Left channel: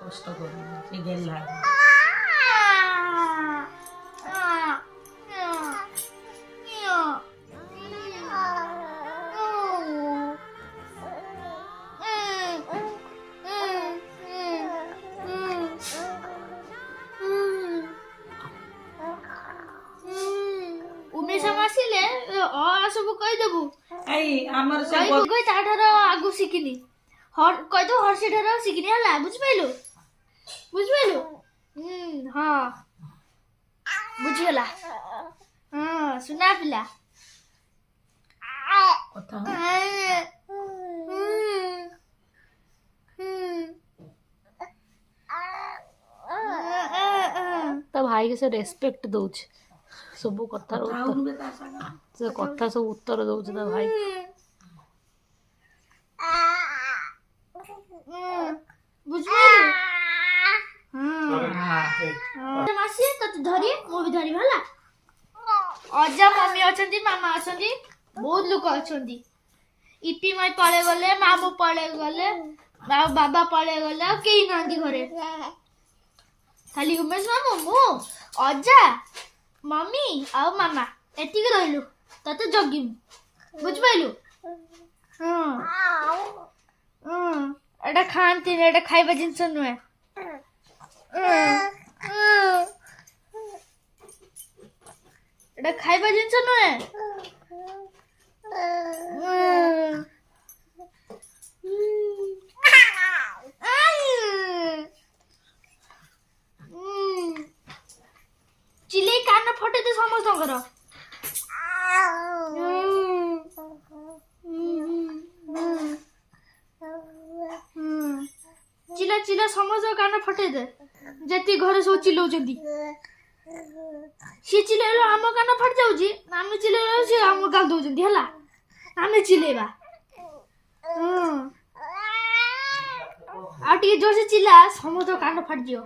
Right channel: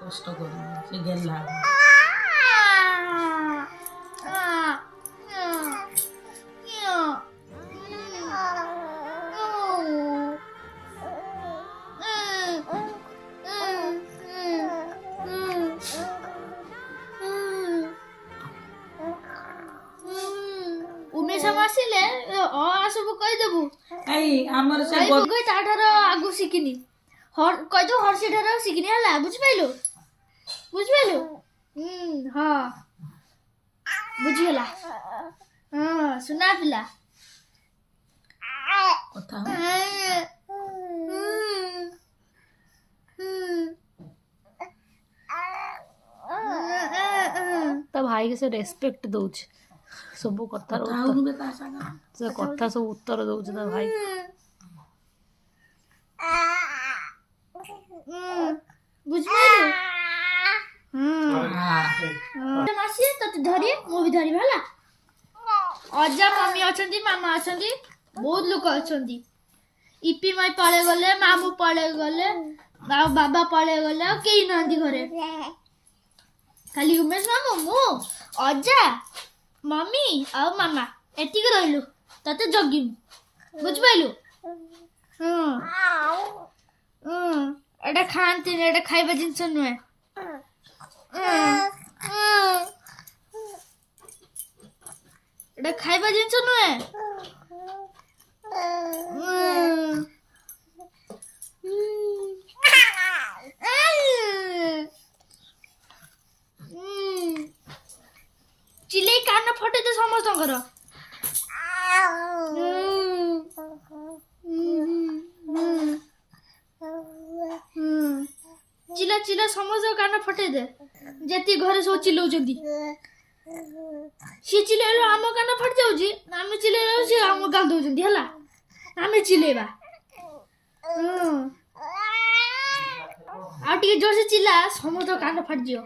কষ্ট করবো সে গেলাম ଆସିଲେ ସବୁ କହିଦେବୁ ଏଇ ଆମର ସେ ତାଠାରୁ ଆଗକୁ ଶିଖିନି କହିଦେବୁ ହର୍ଷି ଠାରୁ ଶିଖିନି ହେଲା ବୁଝିପାରିଲୁ ହଁ ବୁଝିଗଲା ହଁ ସୁନା ପିଲା କଥା ତା ଭାଇ के से रेस्पेक्ट दउछ सब कथार से कथा सब उत्तर दउछ ता भाई बुझिପାରିଲୁ ମାସି ତତେ ଧରି ମୁଁ ବି ଧରିବି ହେଲା ଅଜା ମମି ଅଛନ୍ତି ମାମା ଅଛନ୍ତି ବହୁତ ଲୋକ ଅଛନ୍ତି ଇପି ମାଇ ପଳେଇ ଗଲେ ମାମୁଁ ପଳେଇ ଗଲେ ଆଉ ବାବା ପଳେଇ ଗଲେ ଆଉ କେହି ନାହାନ୍ତି ଘରେ ଖାଲି ଉମେଶ ମାମୁଁ ମୁଁ ଅଜା ମମି ଆଉ ମାମା ଏତିକି ରହିଲୁ ତତେ ଜଗିବୁ ବୁଝିପାରିଲୁ ଏଟା ଖାଆନ୍ତିନି ଏଟା ଖାଇବା ଜିନିଷ ନୁହେଁ ଏଟା ଖାଇବା ଜିନିଷ ନୁହେଁ ଚିଲେଇ କାନ ଫଟେଇଦେ ସମସ୍ତଙ୍କର ଚିଲା ଚିଲା ସମସ୍ତଙ୍କ କାନ ଫଟେଇଦେ ଯେତିକି ଘରେ ସବୁ ଚିଲଉଛନ୍ତି ସିଏ ଚିଲେଇଲେ ଆମ କାନ ଫାଟି ଯାଉଛି ଆମେ ଚିଲେଇଲେ ସିଏ ଆମକୁ ଗାଳି ଦଉଛନ୍ତି ହେଲା ଆମେ ଚିଲେଇବା ଆଉ ଟିକେ ଜୋରସେ ଚିଲା ସମସ୍ତଙ୍କ କାନ ଫାଟିଯିବ